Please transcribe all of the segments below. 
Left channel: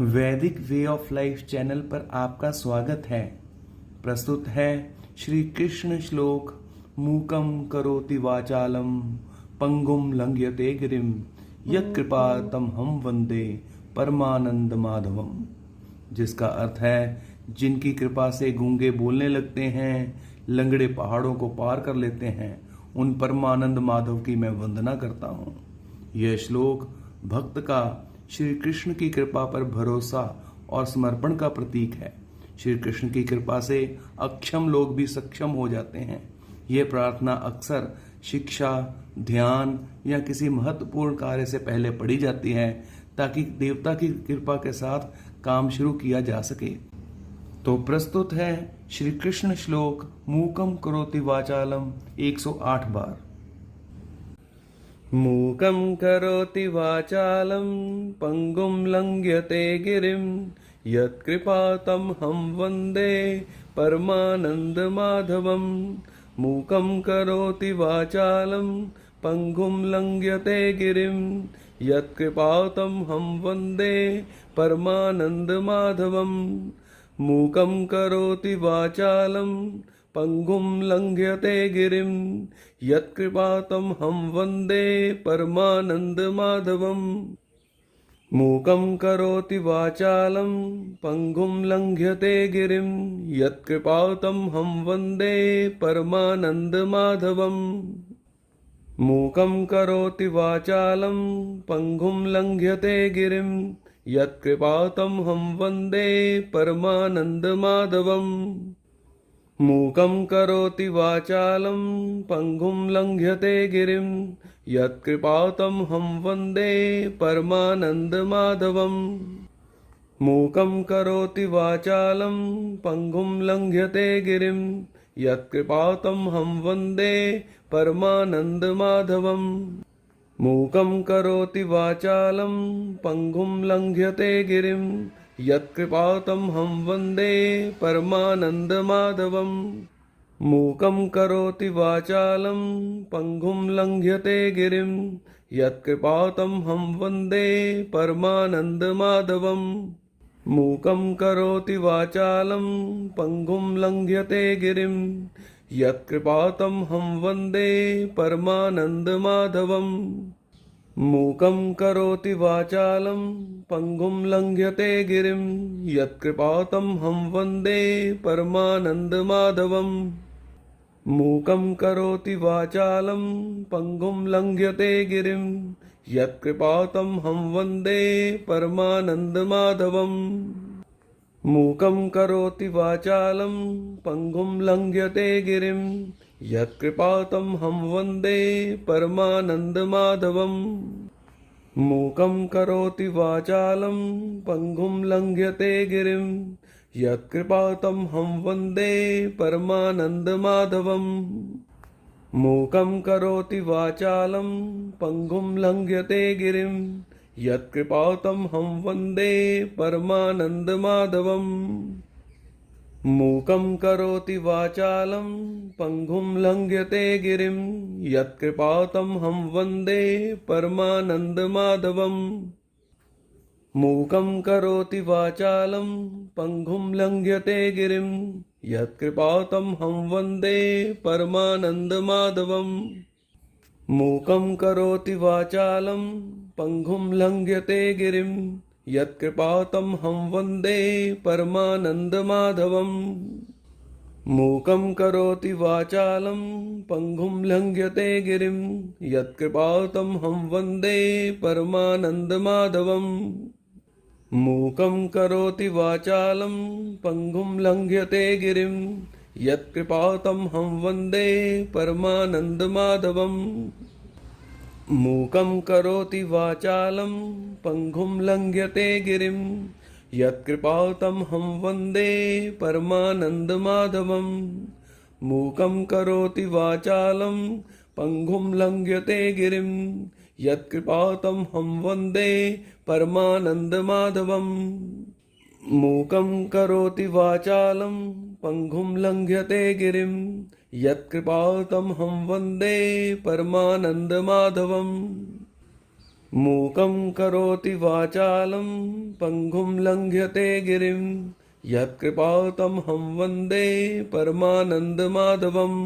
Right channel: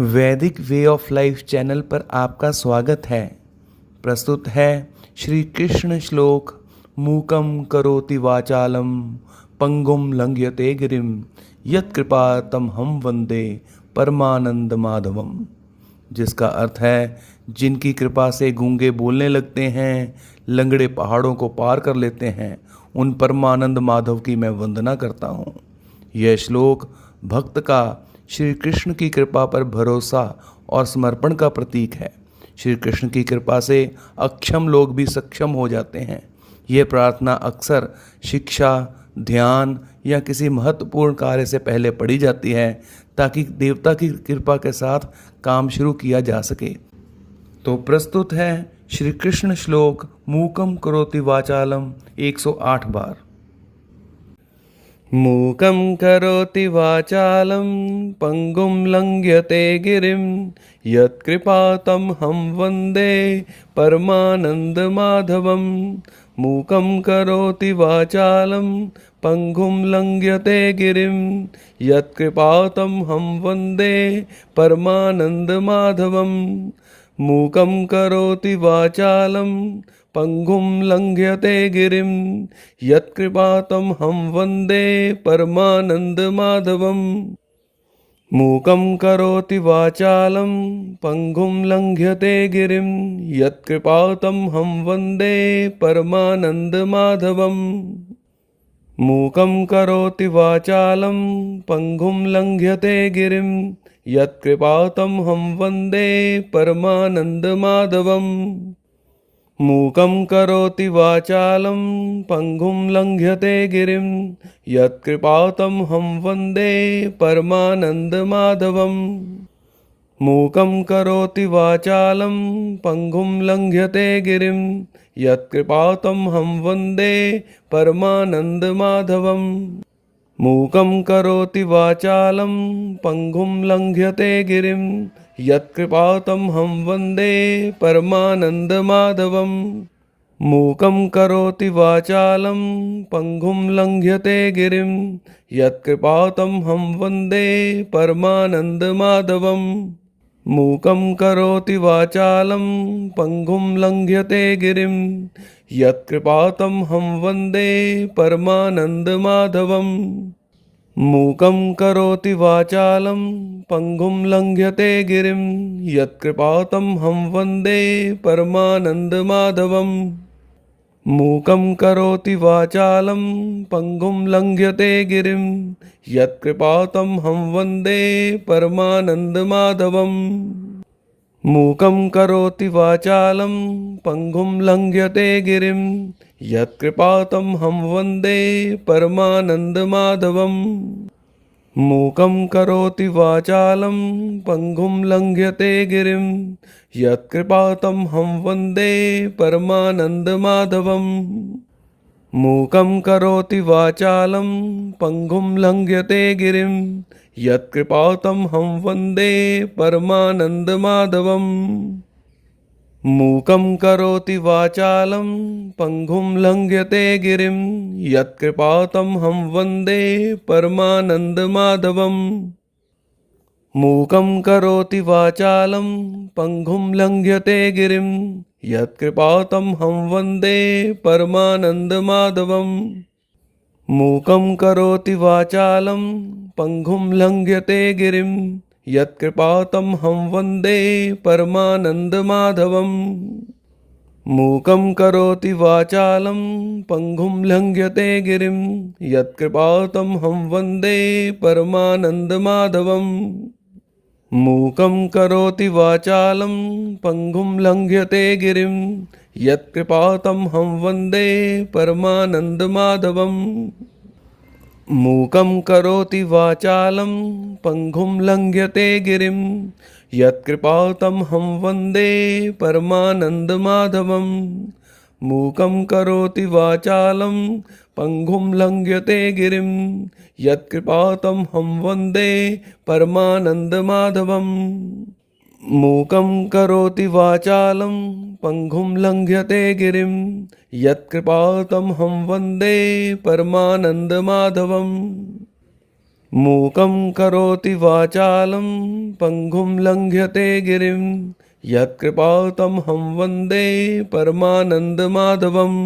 वैदिक way of life channel पर आपका स्वागत है। प्रस्तुत है श्री कृष्ण श्लोक मूकम करोति वाचालम पंगुम लंघयते गिरिम यत्कृपा तम हम वंदे परमानंद माधवम। जिसका अर्थ है, जिनकी कृपा से गूंगे बोलने लगते हैं, लंगड़े पहाड़ों को पार कर लेते हैं, उन परमानंद माधव की मैं वंदना करता हूँ। यह श्लोक भक्त का श्री कृष्ण की कृपा पर भरोसा और समर्पण का प्रतीक है। श्री कृष्ण की कृपा से अक्षम लोग भी सक्षम हो जाते हैं। यह प्रार्थना अक्सर शिक्षा, ध्यान या किसी महत्वपूर्ण कार्य से पहले पढ़ी जाती है, ताकि देवता की कृपा के साथ काम शुरू किया जा सके। तो प्रस्तुत है श्री कृष्ण श्लोक मूकम करोति वाचालम 108 बार। मूकं करोति वाचालं पंगुं लंघयते गिरिं यत्कृपातं हम वन्दे परमानन्दमाधवं। मूकं करोति वाचालं पंगुं लंघयते गिरिं यत्कृपातं हम वन्दे परमानन्दमाधवं। मूकं करोति वाचालं पंगुं लंघयते गिरिं यत्कृपातं हम वन्दे परमानन्दमाधवम्। मूकं करोति वाचालं पंगुं लंघयते गिरिं यत्कृपातं हम वन्दे परमानन्दमाधवम्। मूकं करोति वाचालं पंगुं लंघयते गिरिं यत्कृपातं हम वन्दे परमानन्दमाधवम्। मूकं करोति वाचालं पंगुं लंघयते गिरिं यत्कृपातं हम वन्दे परमानन्दमाधवम्। मूकं करोति वाचालं पंगुं लंघयते गिरिं यत्कृपातं हम वन्दे परमानन्दमाधवम्। मूकं करोति वाचालं पंगुं लंघयते गिरिं यत्कृपातं हम वन्दे परमानन्दमाधवम्। मूकं करोति वाचालं पंगुं लंघयते गिरिं यत्कृपातं हम वन्दे परमानन्दमाधवम्। मूकं करोति वाचालं पंगुं लंघयते गिरिं यत्कृपातं हम वन्दे परमानन्दमाधवम्। मूकं करोति वाचालं पंगुं लंघयते गिरिं यत्कृपातं हम वन्दे परमानन्दमाधवम्। मूकं करोति वाचालं पंगुं लंघयते गिरिं यत्कृपातं हम वन्दे परमानन्दमाधवम्। मूकं करोति वाचालं पंगुं लंघयते गिरिं यत्कृपातं हम वन्दे परमानन्दमाधवम्। मूकं करोति वाचालं पंगुं लंघयते गिरिं यत्कृपातं हम वन्दे परमानन्दमाधवम्। मूकं करोति वाचालं पंगुं लंघयते गिरिं यत्कृपातं हम वन्दे परमानन्दमाधवम्। मूकं करोति वाचालं पंगुं लंघयते गिरिं यत्कृपातं हम वन्दे परमानन्दमाधवम्। मूकं करोति वाचालं पंगुं लंघयते गिरिं यत्कृपातं हम वन्दे परमानन्दमाधवम्। मूकं करोति वाचालं पंगुं लंघयते गिरिं यत्कृपातं हम वन्दे परमानन्दमाधवम्। मूकं करोति वाचालं पंगुं लंघयते गिरिं यत्कृपातं हम वन्दे परमानन्दमाधवम्। मूकं करोति वाचालं पंगुं लंघयते गिरिं यत्कृपातं हम वन्दे परमानन्दमाधवम्। मूकं करोति वाचालं पंगुं लंघयते गिरिं यत्कृपातं हम वन्दे परमानन्दमाधवम्। मूकं करोति वाचालं पंगुं लंघयते गिरिं यत्कृपातं हम वन्दे परमानन्दमाधवम्। मूकं करोति वाचालं पंगुं लंघयते गिरिं यत्कृपातं हम वन्दे परमानन्दमाधवम्। मूकं करोति वाचालं पङ्गुं लङ्घ्यते गिरिं यत्कृपातमहं वन्दे परमानन्दमाधवम्।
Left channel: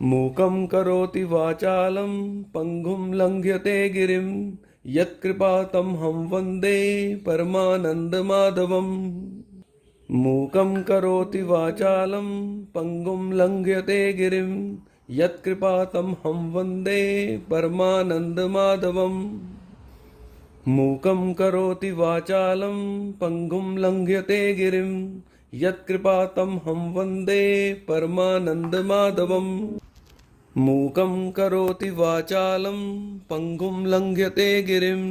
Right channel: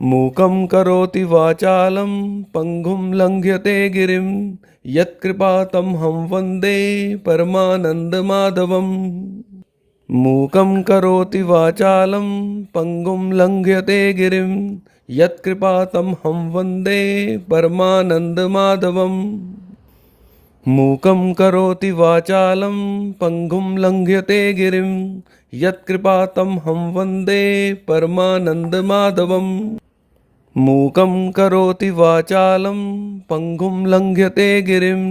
मूकं करोति वाचालं पङ्गुं लङ्घ्यते गिरिं यत्कृपातमहं वन्दे परमानन्दमाधवम्। मूकं करोति वाचालं पङ्गुं लङ्घ्यते गिरिं यत्कृपातमहं वन्दे परमानन्दमाधवम्। मूकं करोति वाचालं पङ्गुं लङ्घ्यते गिरिं यत्कृपातमहं वन्दे परमानन्दमाधवम्। मूकं करोति वाचालं पङ्गुं लङ्घ्यते गिरिं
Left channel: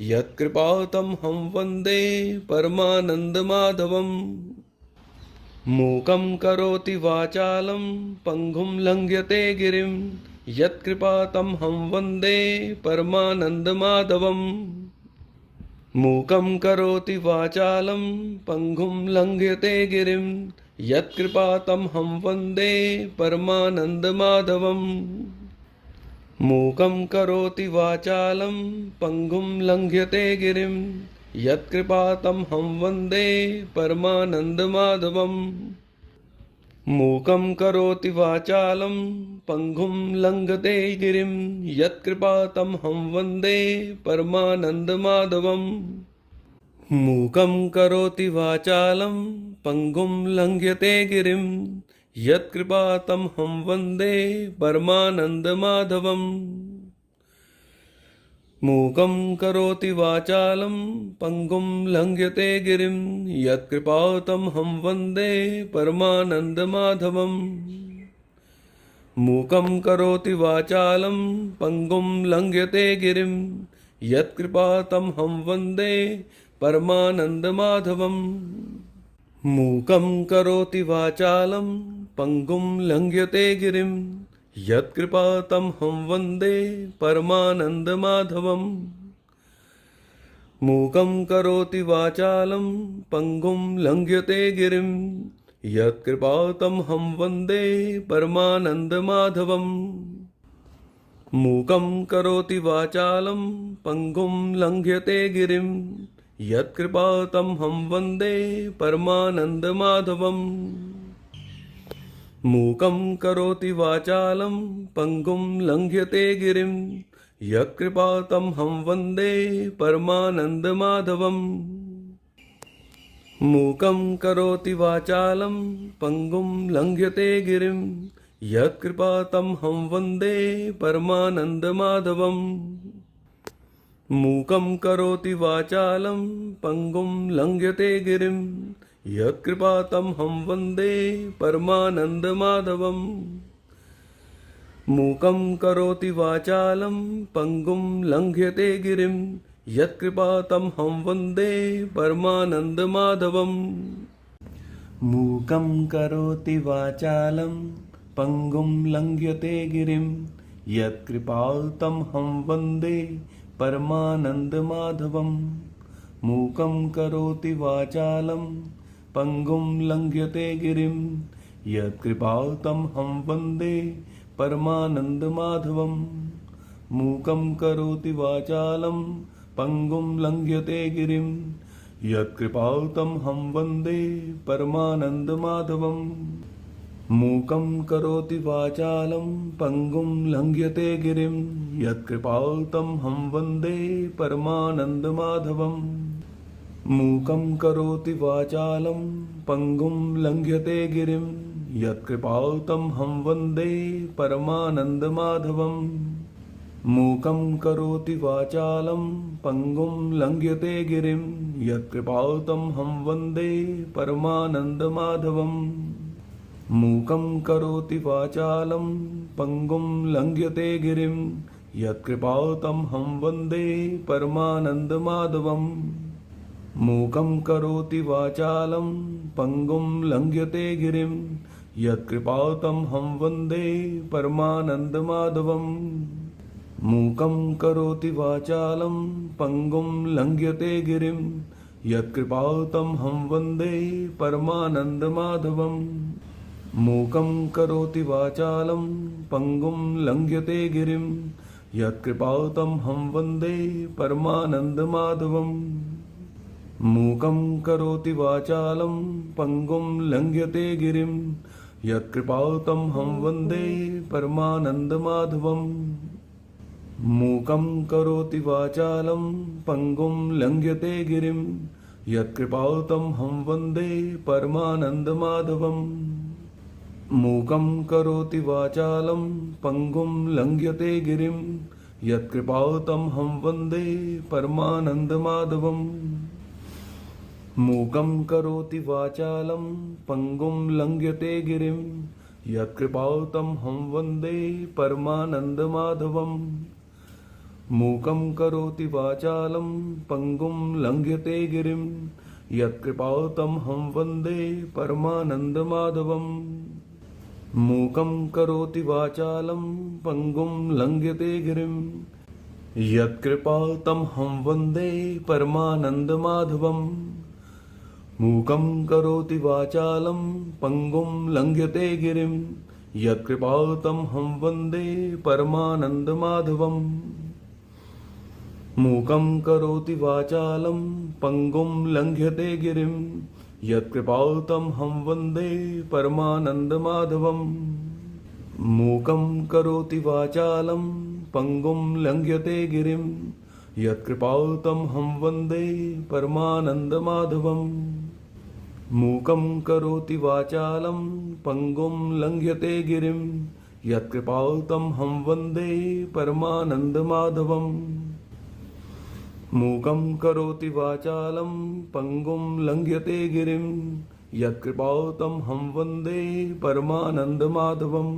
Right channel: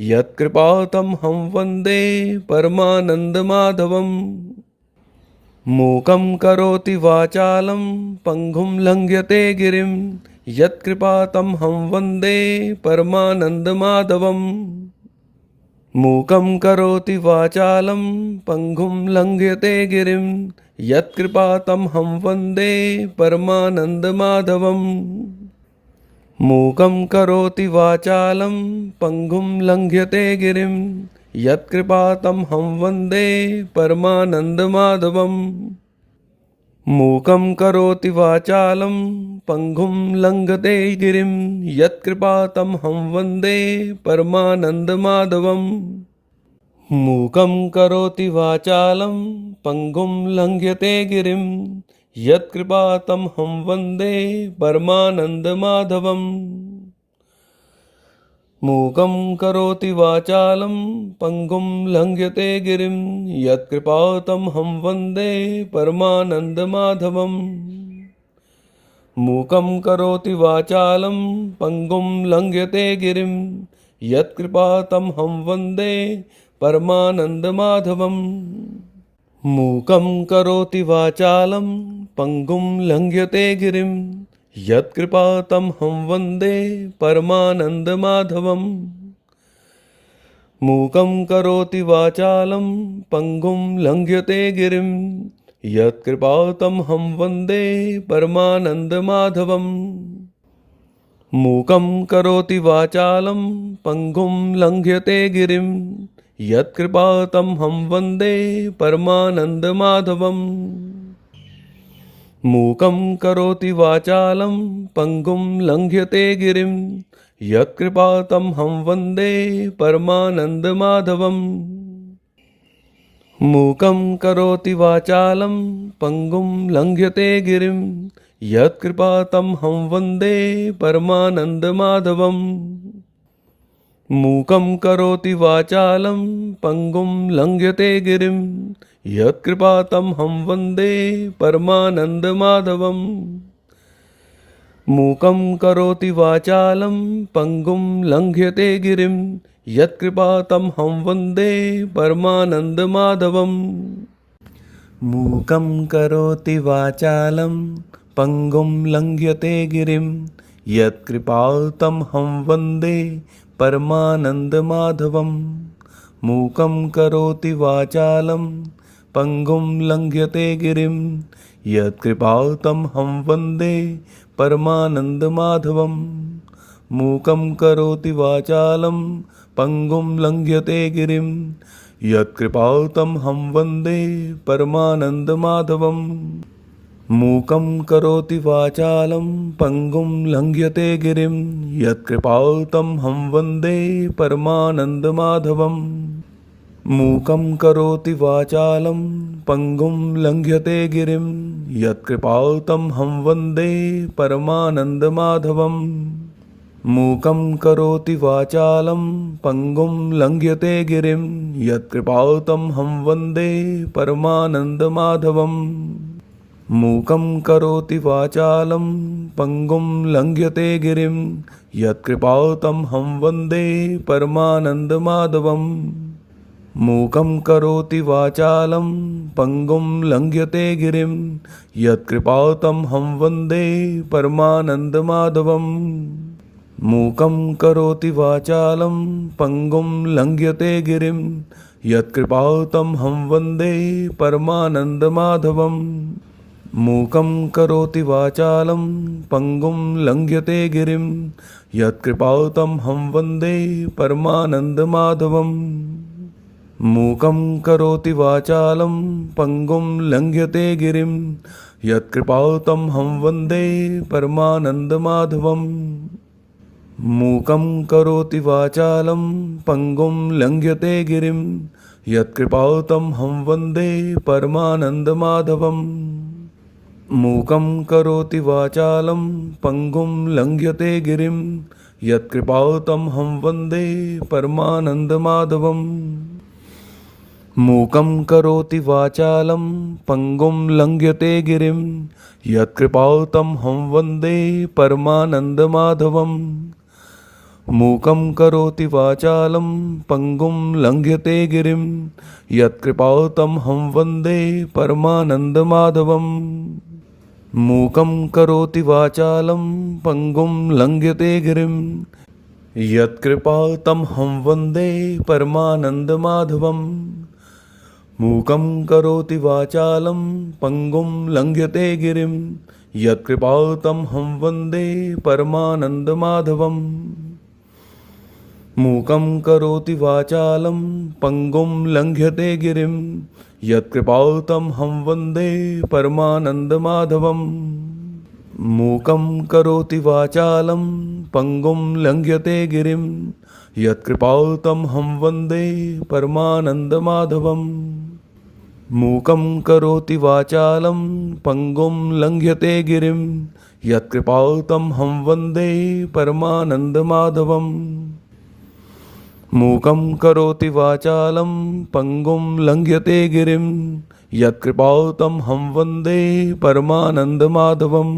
यत्कृपातमहं वन्दे परमानन्दमाधवम्। मूकं करोति वाचालं पङ्गुं लङ्घ्यते गिरिं यत्कृपातमहं वन्दे परमानन्दमाधवम्। मूकं करोति वाचालं पङ्गुं लङ्घ्यते गिरिं यत्कृपातमहं वन्दे परमानन्दमाधवम्। मूकं करोति वाचालं पङ्गुं लङ्घ्यते गिरिं यत्कृपातमहं वन्दे परमानन्दमाधवम्। मूकं करोति वाचालं पङ्गुं लङ्घ्यते गिरिं यत्कृपातमहं वन्दे परमानन्दमाधवम्। मूकं करोति वाचालं पङ्गुं लङ्घ्यते गिरिं यत्कृपातमहं वन्दे परमानन्दमाधवम्। मूकं करोति वाचालं पङ्गुं लङ्घ्यते गिरिं यत्कृपातमहं वन्दे परमानन्दमाधवम्। मूकं करोति वाचालं पङ्गुं लङ्घ्यते गिरिं यत्कृपातमहं वन्दे परमानन्दमाधवम्। मूकं करोति वाचालं पङ्गुं लङ्घ्यते गिरिं यत्कृपातमहं वन्दे परमानन्दमाधवम्। मूकं करोति वाचालं पङ्गुं लङ्घ्यते गिरिं यत्कृपातमहं वन्दे परमानन्दमाधवम्। मूकं करोति वाचालं पङ्गुं लङ्घ्यते गिरिं यत्कृपातमहं वन्दे परमानन्दमाधवम्। मूकं करोति वाचालं पङ्गुं लङ्घ्यते गिरिं यत्कृपातमहं वन्दे परमानन्दमाधवम्। मूकं करोति वाचालं पङ्गुं लङ्घ्यते गिरिं यत्कृपातमहं वन्दे परमानन्दमाधवम्। मूकं करोति वाचालं पङ्गुं लङ्घ्यते गिरिं यत्कृपातमहं वन्दे परमानन्दमाधवम्। मूकं करोति वाचालं पङ्गुं लङ्घ्यते गिरिं यत्कृपातमहं वन्दे परमानन्दमाधवम्। मूकं करोति वाचालं पङ्गुं लङ्घ्यते गिरिं यत्कृपातमहं वन्दे परमानन्दमाधवम्। मूकं करोति वाचालं पङ्गुं लङ्घ्यते गिरिं यत्कृपातमहं वन्दे परमानन्दमाधवम्। मूकं करोति वाचालं पङ्गुं लङ्घ्यते गिरिं यत्कृपातमहं वन्दे परमानन्दमाधवम्। मूकं करोति वाचालं पङ्गुं लङ्घ्यते गिरिं यत्कृपातमहं वन्दे परमानन्दमाधवम्। मूकं करोति वाचालं पङ्गुं लङ्घ्यते गिरिं यत्कृपातमहं वन्दे परमानन्दमाधवम्। मूकं करोति वाचालं पङ्गुं लङ्घ्यते गिरिं यत्कृपातमहं वन्दे परमानन्दमाधवम्। मूकं करोति वाचालं पङ्गुं लङ्घ्यते गिरिं यत्कृपातमहं वन्दे परमानन्दमाधवम्। मूकं करोति वाचालं पङ्गुं लङ्घ्यते गिरिं यत्कृपातमहं वन्दे परमानन्दमाधवम्। मूकं करोति वाचालं पङ्गुं लङ्घ्यते गिरिं यत्कृपातमहं वन्दे परमानन्दमाधवम्। मूकं करोति वाचालं पङ्गुं लङ्घ्यते गिरिं यत्कृपातमहं वन्दे परमानन्दमाधवम् मूकं करोति वाचालं पङ्गुं लङ्घ्यते गिरिं यत्कृपातमहं वन्दे परमानन्दमाधवम् मूकं करोति वाचालं पङ्गुं लङ्घ्यते गिरिं यत्कृपातमहं वन्दे परमानन्दमाधवम् मूकं करोति वाचालं पङ्गुं लङ्घ्यते गिरिं यत्कृपातमहं वन्दे परमानन्दमाधवम् मूकं करोति वाचालं पङ्गुं लङ्घ्यते गिरिं यत्कृपातमहं वन्दे परमानन्दमाधवम् मूकं करोति वाचालं पङ्गुं लङ्घ्यते गिरिं यत्कृपातमहं वन्दे परमानन्दमाधवम् मूकं करोति वाचालं पङ्गुं लङ्घ्यते गिरिं यत्कृपातमहं वन्दे परमानन्दमाधवम् मूकं करोति वाचालं पङ्गुं लङ्घ्यते गिरिं यत्कृपातमहं वन्दे परमानन्दमाधवम् मूकं करोति वाचालं पङ्गुं लङ्घ्यते गिरिं यत्कृपातमहं वन्दे परमानन्दमाधवम् मूकं करोति वाचालं पङ्गुं लङ्घ्यते गिरिं यत्कृपातमहं वन्दे परमानन्दमाधवम् मूकं करोति वाचालं पङ्गुं लङ्घ्यते गिरिं यत्कृपातमहं वन्दे परमानन्दमाधवम् मूकं करोति वाचालं पङ्गुं लङ्घ्यते गिरिं यत्कृपातमहं वन्दे परमानन्दमाधवम्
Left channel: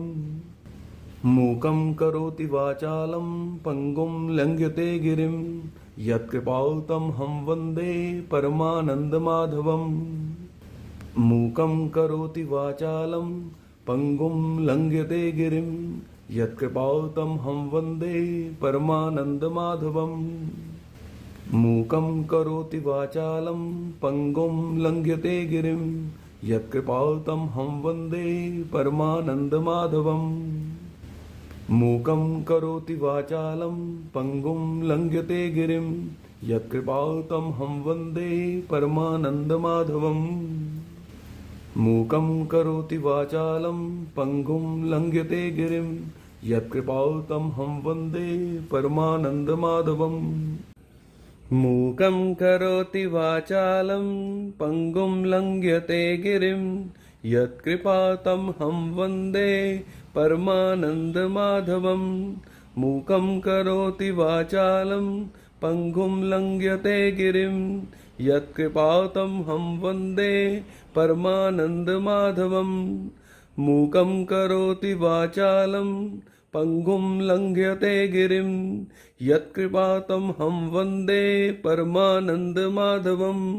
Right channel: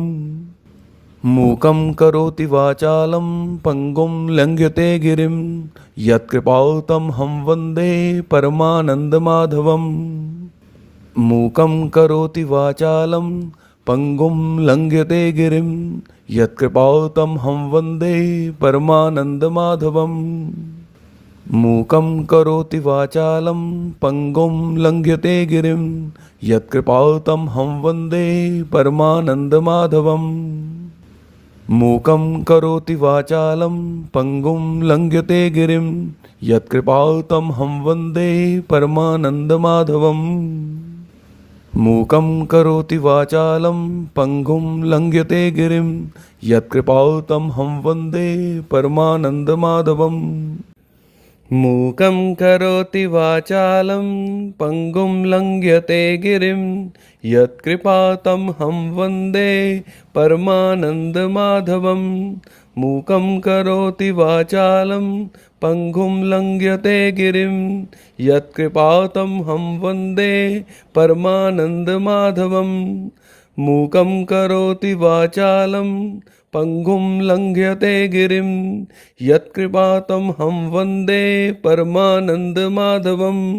मूकं करोति वाचालं पङ्गुं लङ्घ्यते गिरिं यत्कृपातमहं वन्दे परमानन्दमाधवम् मूकं करोति वाचालं पङ्गुं लङ्घ्यते गिरिं यत्कृपातमहं वन्दे परमानन्दमाधवम् मूकं करोति वाचालं पङ्गुं लङ्घ्यते गिरिं यत्कृपातमहं वन्दे परमानन्दमाधवम् मूकं करोति वाचालं पङ्गुं लङ्घ्यते गिरिं यत्कृपातमहं वन्दे परमानन्दमाधवम् मूकं करोति वाचालं पङ्गुं लङ्घ्यते गिरिं यत्कृपातमहं वन्दे परमानन्दमाधवम् मूकं करोति वाचालं पङ्गुं लङ्घ्यते गिरिं यत्कृपातमहं वन्दे परमानन्दमाधवम् मूकं करोति वाचालं पङ्गुं लङ्घ्यते गिरिं यत्कृपातमहं वन्दे परमानन्दमाधवम् मूकं करोति वाचालं पङ्गुं लङ्घ्यते गिरिं यत्कृपातमहं वन्दे परमानन्दमाधवम्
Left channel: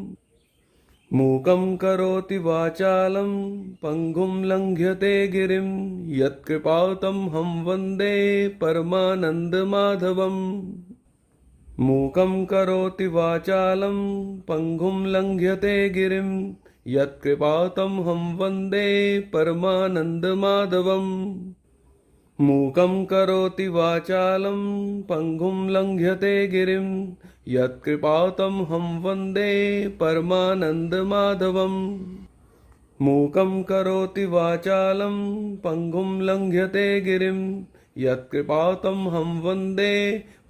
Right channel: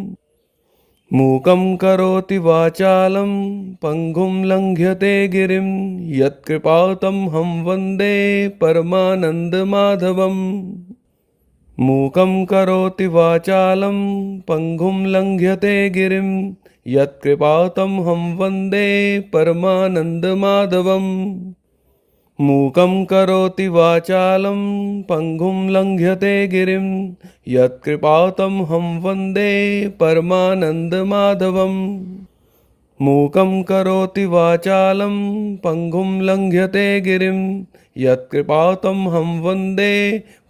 मूकं करोति वाचालं पङ्गुं लङ्घ्यते गिरिं यत्कृपातमहं वन्दे परमानन्दमाधवम् मूकं करोति वाचालं पङ्गुं लङ्घ्यते गिरिं यत्कृपातमहं वन्दे परमानन्दमाधवम् मूकं करोति वाचालं पङ्गुं लङ्घ्यते गिरिं यत्कृपातमहं वन्दे परमानन्दमाधवम् मूकं करोति वाचालं पङ्गुं लङ्घ्यते गिरिं यत्कृपातमहं वन्दे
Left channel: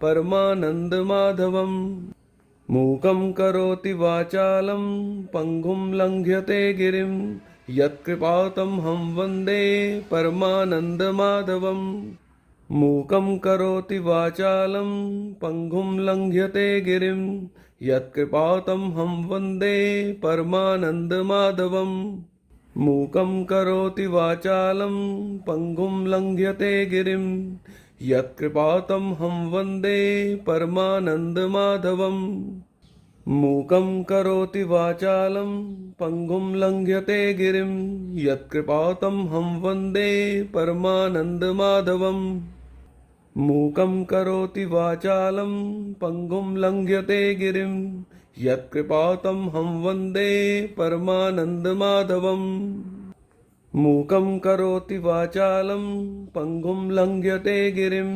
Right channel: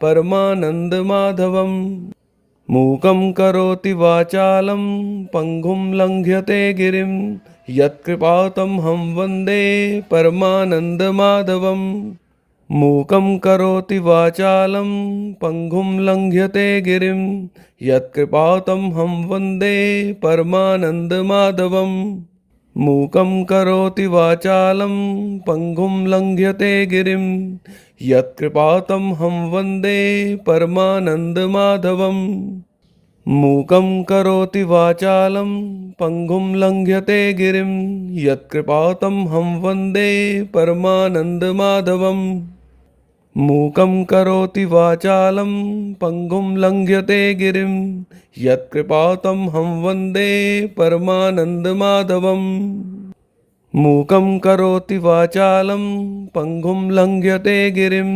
परमानन्दमाधवम् मूकं करोति वाचालं पङ्गुं लङ्घ्यते गिरिं यत्कृपातमहं वन्दे परमानन्दमाधवम् मूकं करोति वाचालं पङ्गुं लङ्घ्यते गिरिं यत्कृपातमहं वन्दे परमानन्दमाधवम् मूकं करोति वाचालं पङ्गुं लङ्घ्यते गिरिं यत्कृपातमहं वन्दे परमानन्दमाधवम् मूकं करोति वाचालं पङ्गुं लङ्घ्यते गिरिं यत्कृपातमहं वन्दे परमानन्दमाधवम् मूकं करोति वाचालं पङ्गुं लङ्घ्यते गिरिं यत्कृपातमहं वन्दे परमानन्दमाधवम् मूकं करोति वाचालं पङ्गुं लङ्घ्यते गिरिं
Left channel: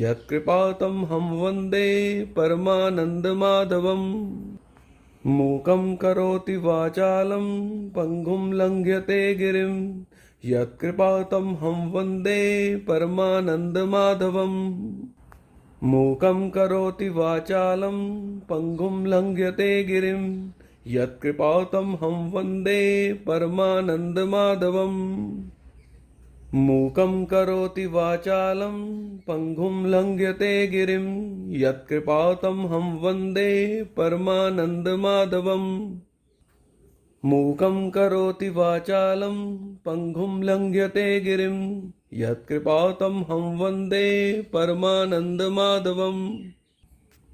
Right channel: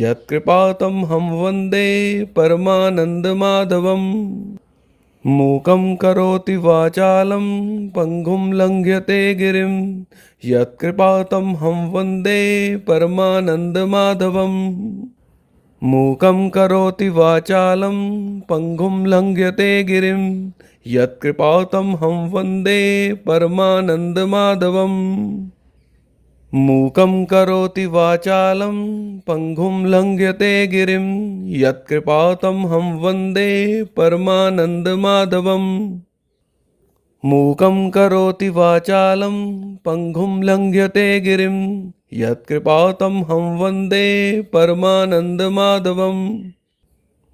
यत्कृपातमहं वन्दे परमानन्दमाधवम्। मूकं करोति वाचालं पङ्गुं लङ्घ्यते गिरिं, यत्कृपातमहं वन्दे परमानन्दमाधवम्। मूकं करोति वाचालं पङ्गुं लङ्घ्यते गिरिं, यत्कृपातमहं वन्दे परमानन्दमाधवम्। मूकं करोति वाचालं पङ्गुं लङ्घ्यते गिरिं, यत्कृपातमहं वन्दे परमानन्दमाधवम्। मूकं करोति वाचालं पङ्गुं लङ्घ्यते गिरिं, यत्कृपातमहं वन्दे परमानन्दमाधवम्।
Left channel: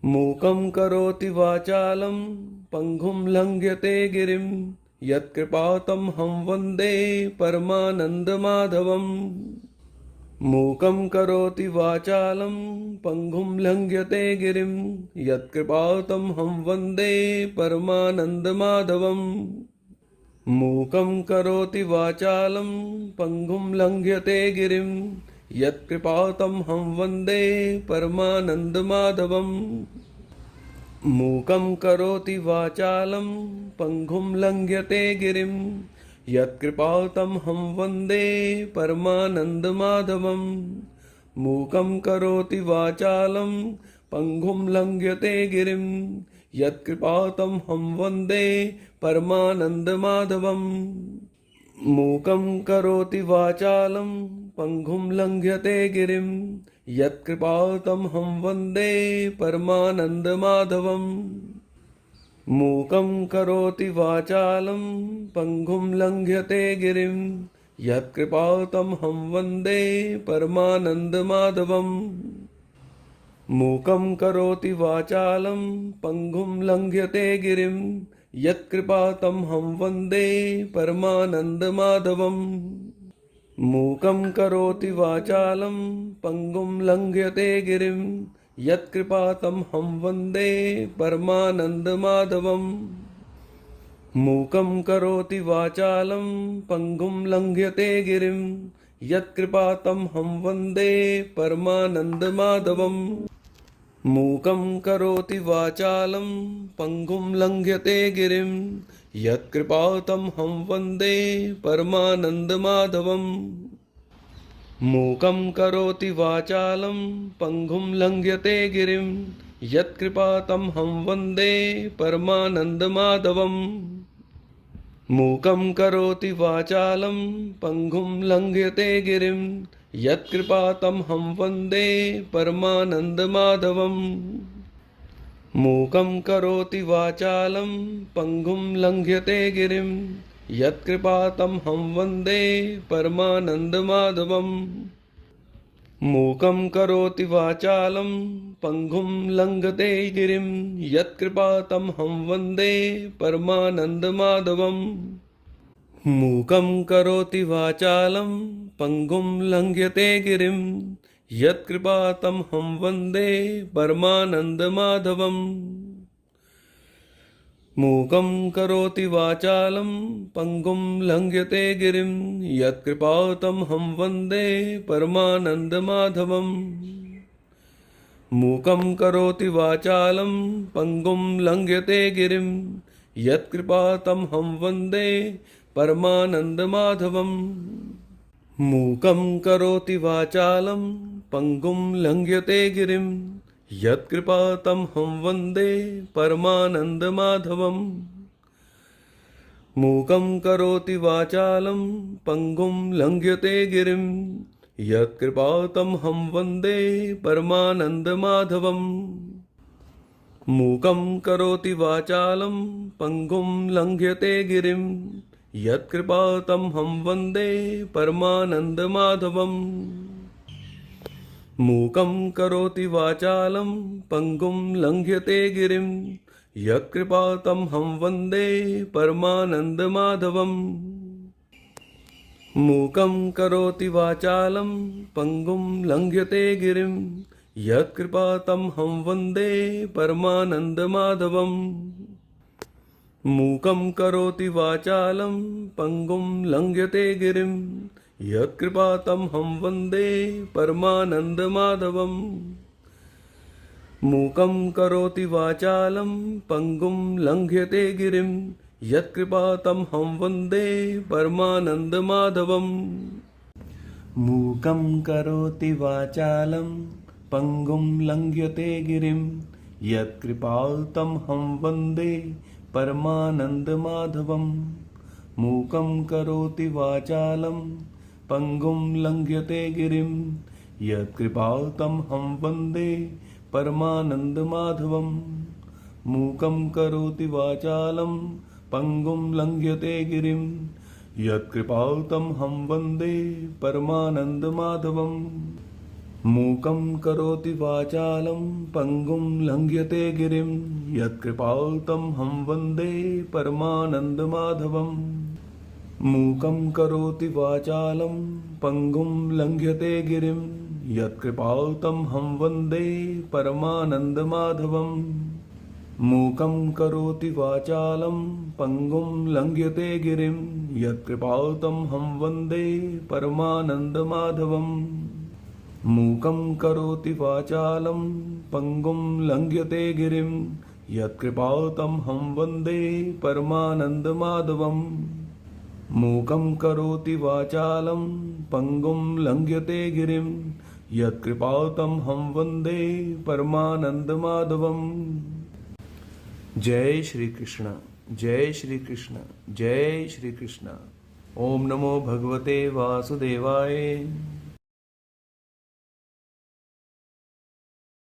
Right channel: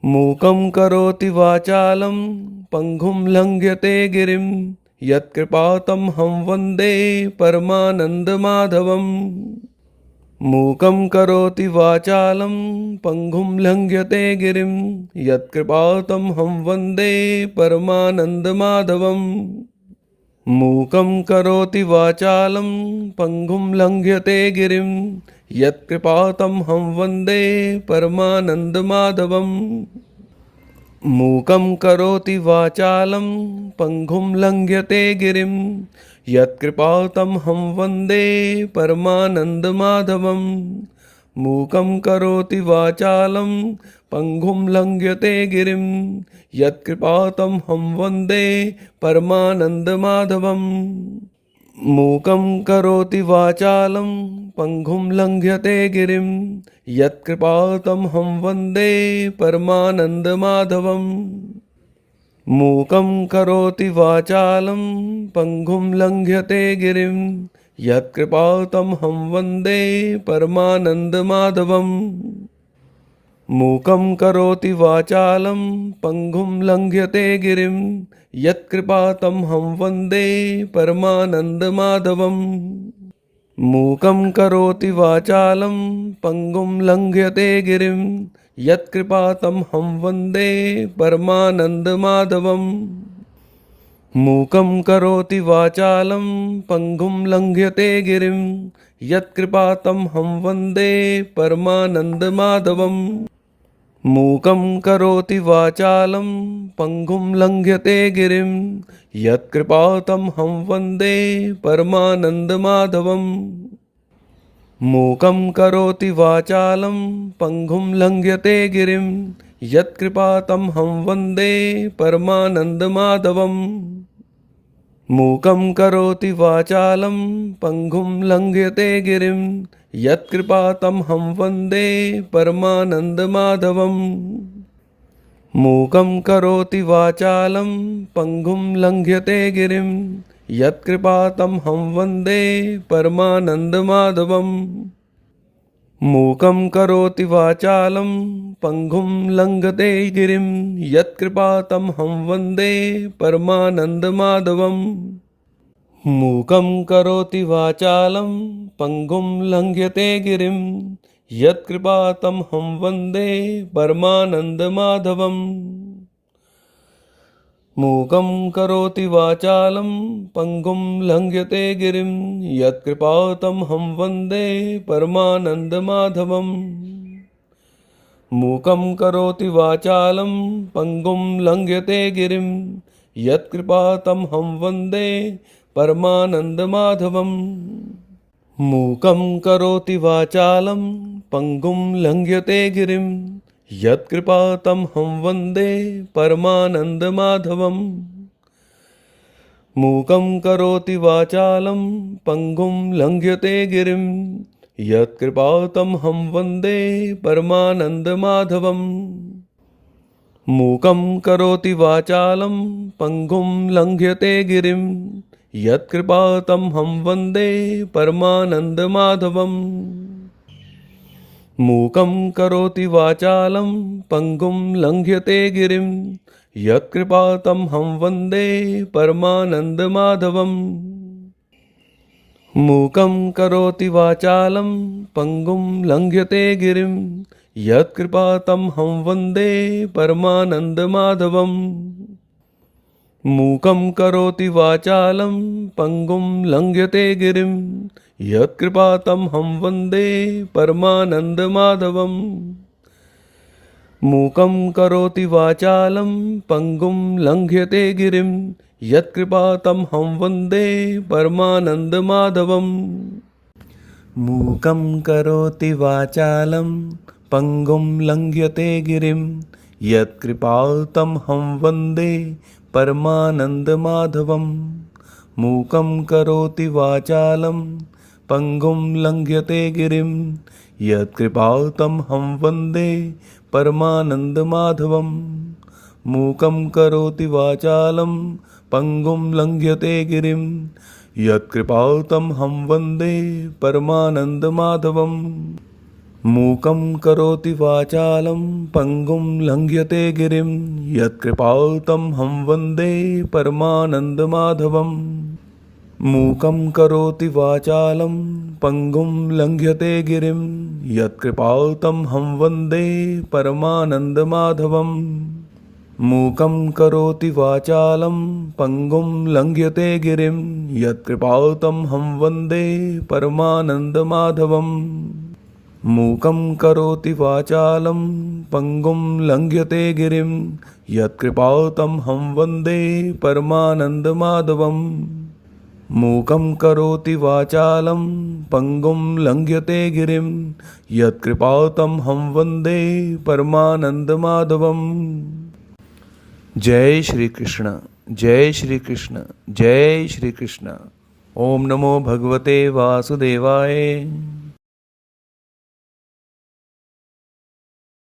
मूकं करोति वाचालं पङ्गुं लङ्घ्यते गिरिं, यत्कृपातमहं वन्दे परमानन्दमाधवम्। मूकं करोति वाचालं पङ्गुं लङ्घ्यते गिरिं, यत्कृपातमहं वन्दे परमानन्दमाधवम्। मूकं करोति वाचालं पङ्गुं लङ्घ्यते गिरिं, यत्कृपातमहं वन्दे परमानन्दमाधवम्। मूकं करोति वाचालं पङ्गुं लङ्घ्यते गिरिं, यत्कृपातमहं वन्दे परमानन्दमाधवम्। मूकं करोति वाचालं पङ्गुं लङ्घ्यते गिरिं, यत्कृपातमहं वन्दे परमानन्दमाधवम्। मूकं करोति वाचालं पङ्गुं लङ्घ्यते गिरिं, यत्कृपातमहं वन्दे परमानन्दमाधवम्। मूकं करोति वाचालं पङ्गुं लङ्घ्यते गिरिं, यत्कृपातमहं वन्दे परमानन्दमाधवम्। मूकं करोति वाचालं पङ्गुं लङ्घ्यते गिरिं, यत्कृपातमहं वन्दे परमानन्दमाधवम्। मूकं करोति वाचालं पङ्गुं लङ्घ्यते गिरिं, यत्कृपातमहं वन्दे परमानन्दमाधवम्। मूकं करोति वाचालं पङ्गुं लङ्घ्यते गिरिं, यत्कृपातमहं वन्दे परमानन्दमाधवम्। मूकं करोति वाचालं पङ्गुं लङ्घ्यते गिरिं, यत्कृपातमहं वन्दे परमानन्दमाधवम्। मूकं करोति वाचालं पङ्गुं लङ्घ्यते गिरिं, यत्कृपातमहं वन्दे परमानन्दमाधवम्। मूकं करोति वाचालं पङ्गुं लङ्घ्यते गिरिं, यत्कृपातमहं वन्दे परमानन्दमाधवम्। मूकं करोति वाचालं पङ्गुं लङ्घ्यते गिरिं, यत्कृपातमहं वन्दे परमानन्दमाधवम्। मूकं करोति वाचालं पङ्गुं लङ्घ्यते गिरिं, यत्कृपातमहं वन्दे परमानन्दमाधवम्। मूकं करोति वाचालं पङ्गुं लङ्घ्यते गिरिं, यत्कृपातमहं वन्दे परमानन्दमाधवम्। मूकं करोति वाचालं पङ्गुं लङ्घ्यते गिरिं, यत्कृपातमहं वन्दे परमानन्दमाधवम्। मूकं करोति वाचालं पङ्गुं लङ्घ्यते गिरिं, यत्कृपातमहं वन्दे परमानन्दमाधवम्। मूकं करोति वाचालं पङ्गुं लङ्घ्यते गिरिं, यत्कृपातमहं वन्दे परमानन्दमाधवम्। मूकं करोति वाचालं पङ्गुं लङ्घ्यते गिरिं, यत्कृपातमहं वन्दे परमानन्दमाधवम्। मूकं करोति वाचालं पङ्गुं लङ्घ्यते गिरिं, यत्कृपातमहं वन्दे परमानन्दमाधवम्। मूकं करोति वाचालं पङ्गुं लङ्घ्यते गिरिं, यत्कृपातमहं वन्दे परमानन्दमाधवम्। मूकं करोति वाचालं पङ्गुं लङ्घ्यते गिरिं, यत्कृपातमहं वन्दे परमानन्दमाधवम्। मूकं करोति वाचालं पङ्गुं लङ्घ्यते गिरिं, यत्कृपातमहं वन्दे परमानन्दमाधवम् मूकं करोति वाचालं पङ्गुं लङ्घ्यते गिरिं यत्कृपातमहं वन्दे परमानन्दमाधवम् मूकं करोति वाचालं पङ्गुं लङ्घ्यते गिरिं यत्कृपातमहं वन्दे परमानन्दमाधवम् मूकं करोति वाचालं पङ्गुं लङ्घ्यते गिरिं यत्कृपातमहं वन्दे परमानन्दमाधवम् मूकं करोति वाचालं पङ्गुं लङ्घ्यते गिरिं यत्कृपातमहं वन्दे परमानन्दमाधवम् मूकं करोति वाचालं पङ्गुं लङ्घ्यते गिरिं यत्कृपातमहं वन्दे परमानन्दमाधवम् मूकं करोति वाचालं पङ्गुं लङ्घ्यते गिरिं यत्कृपातमहं वन्दे परमानन्दमाधवम् मूकं करोति वाचालं पङ्गुं लङ्घ्यते गिरिं यत्कृपातमहं वन्दे परमानन्दमाधवम् मूकं करोति वाचालं पङ्गुं लङ्घ्यते गिरिं यत्कृपातमहं वन्दे परमानन्दमाधवम् मूकं करोति वाचालं पङ्गुं लङ्घ्यते गिरिं यत्कृपातमहं वन्दे परमानन्दमाधवम्। जय श्री कृष्ण, जय श्री कृष्ण, जय श्री कृष्ण। ओम नमो भगवते वासुदेवाय।